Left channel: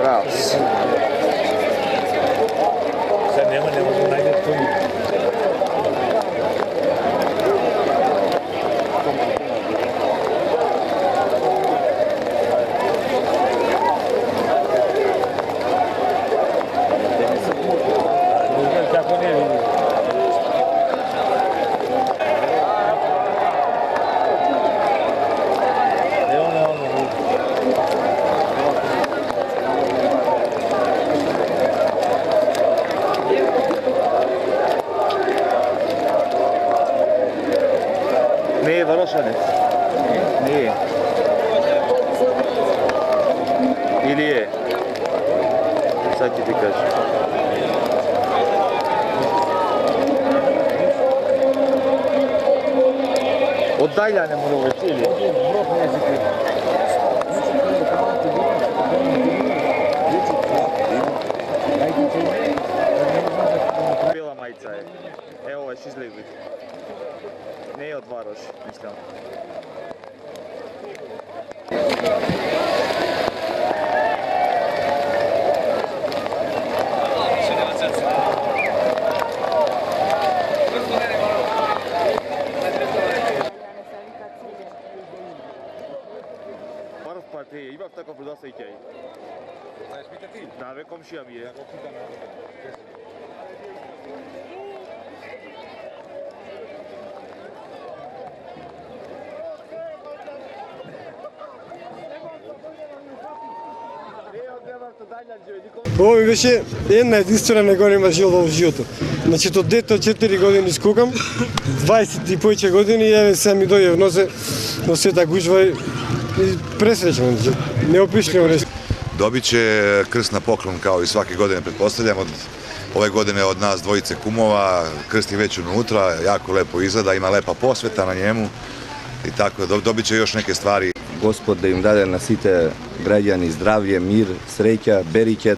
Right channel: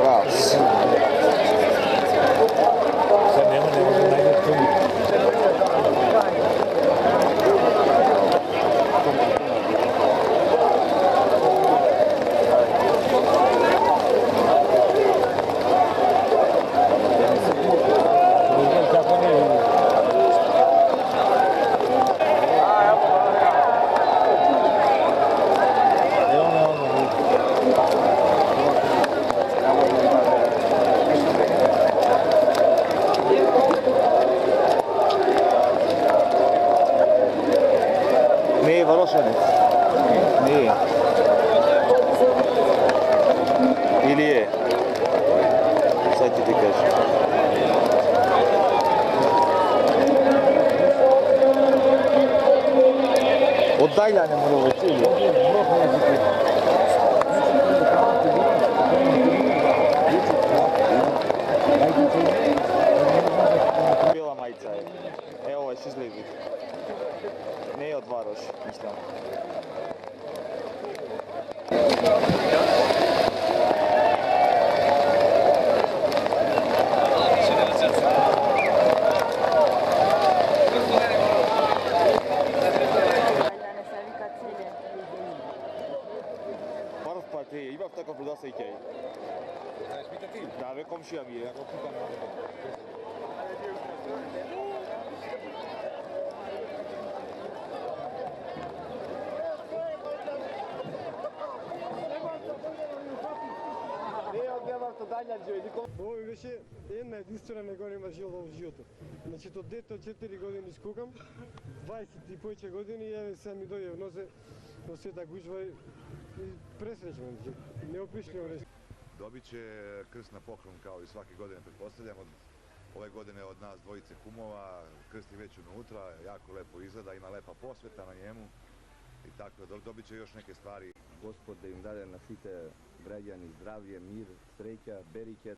Bravo. Sad ne može najde tu. Nije Varošanec. Nije. Ili je? Sad ću ti kažem. Od Dajljane Murović ili? Bila majica je. Evo ovaj šizlivik. Ne od Varoš, mislim. Varoš pa ti, ima tako продаса и тяй. Знаеш ми ти? Да, бе, комшија ми е. Ovo ми беше една единствена негодина жил во животот. Значи, од дете од 4 години скукам, 20 и повеќе години, и еве сега ми дојде во сета гужва и пресреќен. Неопишливо нещо. Dobit će krst na poklon kao i svake godine, pretpostavljam. Ove godine od nas dvojice kumova, krst je već unutra, jako lepo izgleda, ima lepa posveta na njemu i tako, dobit će još neke stvari. Господ да им даде на сите граѓани здравје, мир, среќа, берике.